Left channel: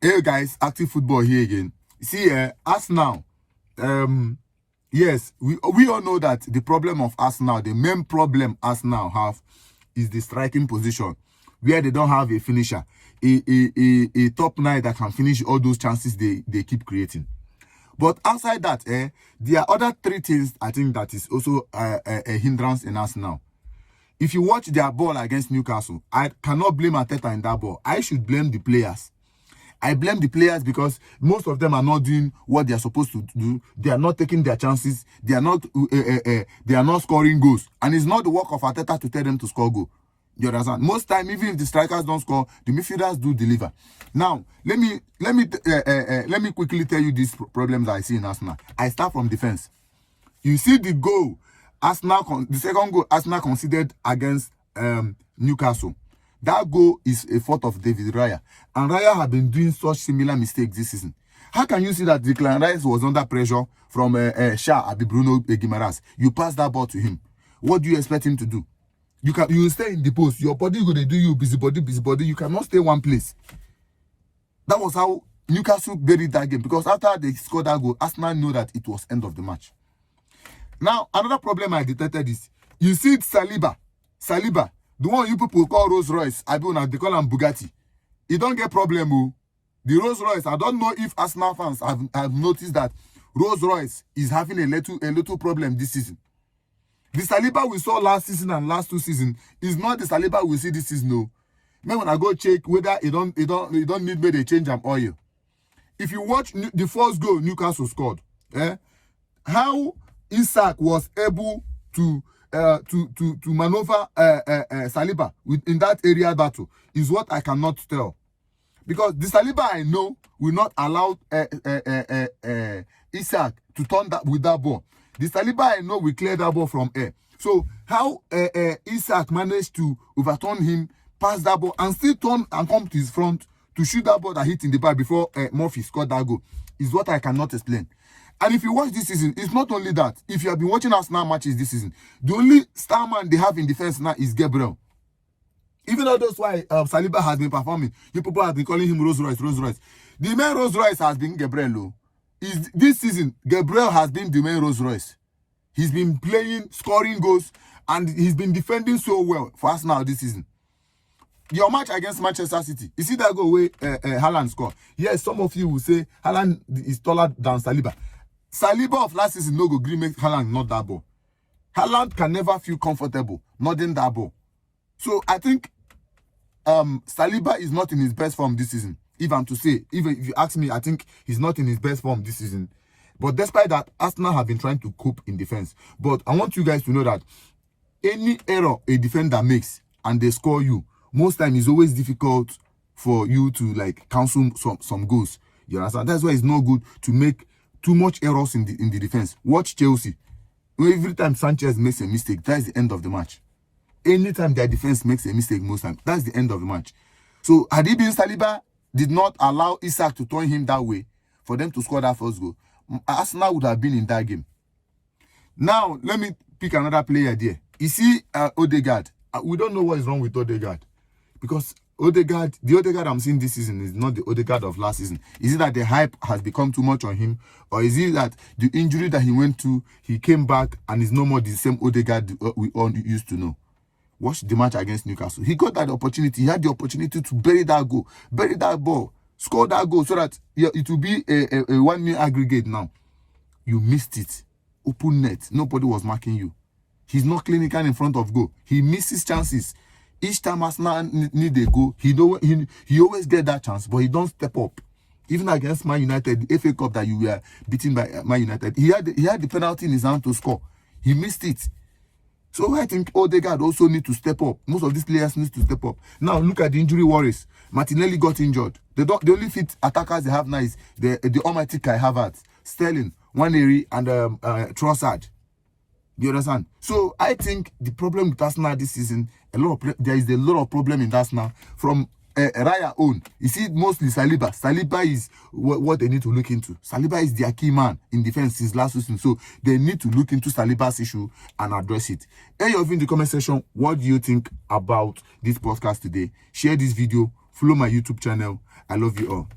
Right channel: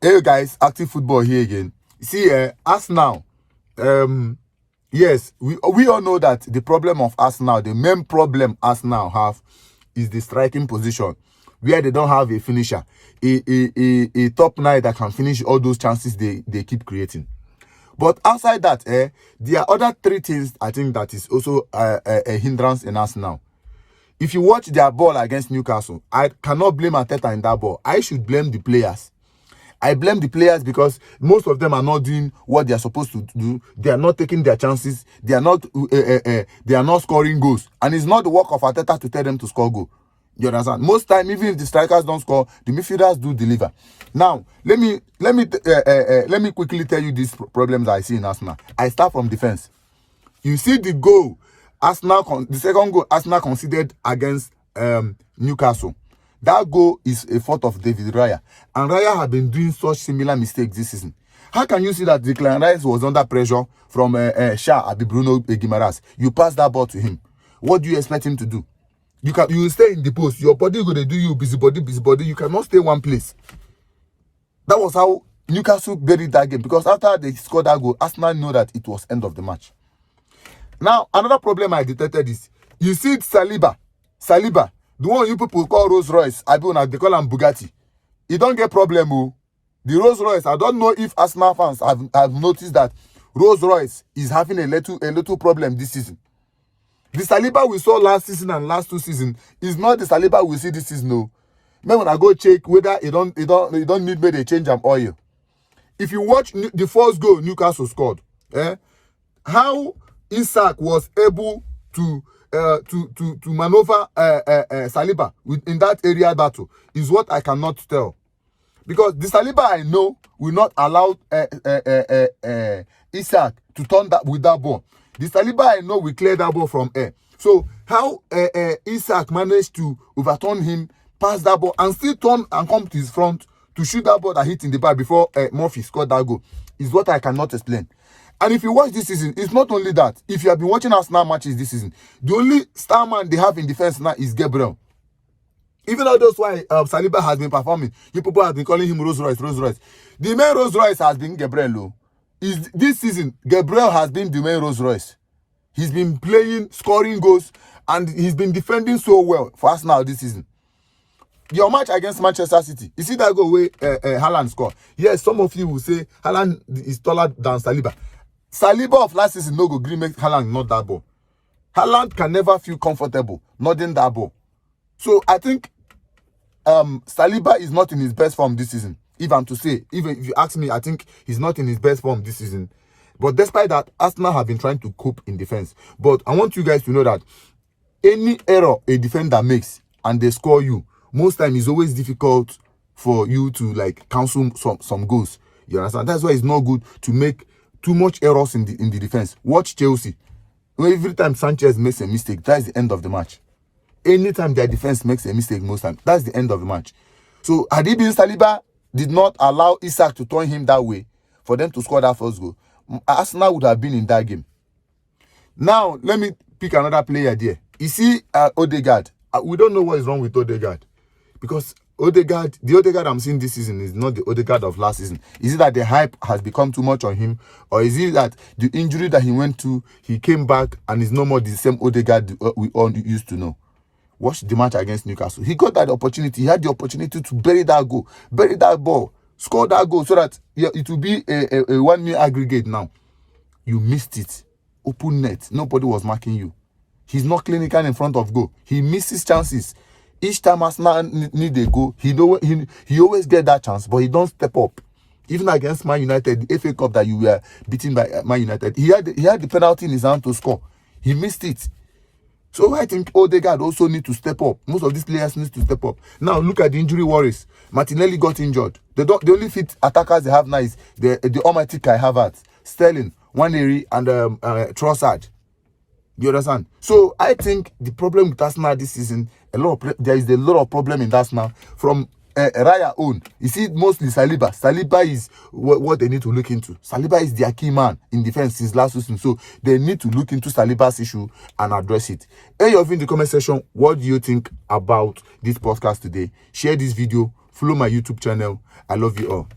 Hey guys, Active Football here again. See, Arsenal. Yes, we all know that the problem of Arsenal, the main problem Arsenal have, is the striking position, where they don't have a finisher, a top nine that can finish all those chances they keep creating. But outside that, there are other three things I think that is also a hindrance in Arsenal. If you watch their ball against Newcastle, I cannot blame Arteta in that ball. I should blame the players. I blame the players because most of them are not doing what they are supposed to do. They are not taking their chances. They are not scoring goals. And it's not the work of Arteta to tell them to score goal. You understand? Most time, even if the strikers don't score, the midfielders do deliver. Now, let me quickly tell you these problems I see in Arsenal. I start from defense. You see the goal, the second goal Arsenal conceded against Newcastle. That goal is a fault of David Raya. And Raya have been doing such similar mistakes this season. How can you see that Declan Rice was under pressure from Bruno Guimaraes? You pass that ball to him. What do you expect him to do? You stay in the post. Your body going to do you busybody. You cannot stay one place. That was how Newcastle buried that game. Because after they scored that goal, Arsenal knew that it was end of the match. Now, another problem I detected is, you see Saliba, the one you people call Rolls Royce, they call him Bugatti. He don't get problem. The Rolls Royce, I don't know if Arsenal fans have noticed that Rolls Royce is having a little problem this season. The Saliba we saw last season and last 2 seasons is not the Saliba we see this season. No. Maybe when I go check whether it don't need me to change an oil. If you watch the first goal Newcastle scored, how Isak was able to maneuver Saliba in that area battle is what I cannot tell. Because the Saliba I know will not allow Isak to turn that with that ball. The Saliba I know will clear that ball from air. So how Isak managed to overturn him, pass that ball, and still turn and come to his front to shoot that ball that hit in the bar before Murphy scored that goal is what I cannot explain. And if you watch this season, it's not only that. If you have been watching Arsenal matches this season, the only star man they have in defense now is Gabriel. Even though that's why Saliba has been performing, you people have been calling him Rolls Royce. The main Rolls Royce has been Gabriel. This season, Gabriel has been the main Rolls Royce. He's been playing, scoring goals, and he's been defending so well for Arsenal this season. Your match against Manchester City, you see that goal where Haaland scored. Yes, some of you will say Haaland is taller than Saliba. Saliba of last season no go green make Haaland not that ball. Haaland can never feel comfortable not in that ball. So I think Saliba is not in his best form this season. Even if you ask me, I think he's not in his best form this season. But despite that, Arsenal have been trying to cope in defense. But I want you guys to know that any error a defender makes and they score you, most time it's always difficult for you to cancel some goals. You understand? That's why it's not good to make too much errors in the defense. Watch Chelsea. Every time Sanchez makes a mistake, that's the end of the match. Anytime their defense makes a mistake, most time, that's the end of the match. So had it been Saliba did not allow Isak to turn him that way for them to score that first goal, Arsenal would have been in that game. Now, let me pick another player there. You see Odegaard. We don't know what is wrong with Odegaard. Because the Odegaard I'm seeing this season is not the Odegaard of last season. Is it that the hype has become too much on him? Or is it that the injury that he went to, he came back and is no more the same Odegaard we all used to know? Watch the match against Newcastle. He got that opportunity. He had the opportunity to bury that goal, bury that ball, score that goal so that it will be a 1-0 aggregate now. You missed it. Open net. Nobody was marking you. He's not clinical in front of goal. He misses chances. Each time Arsenal need a goal, he always get that chance, but he don't step up. Even against Man United, the FA Cup that you were beaten by Man United, he had the penalty in his hand to score. He missed it. So I think Odegaard also need to step up. Most of these players need to step up. Now look at the injury worries. Martinelli got injured. The only fit attackers they have now is the almighty Kai Havertz, Sterling, Nwaneri, and Trossard. You understand? So I think the problem with Arsenal this season, there is a lot of problem in Arsenal from Raya own. You see, mostly Saliba. Saliba is what they need to look into. Saliba is their key man in defense since last season. So they need to look into Saliba's issue and address it. Hey, you're in the comment section. What do you think about this podcast today? Share this video. Follow my YouTube channel. I love you all.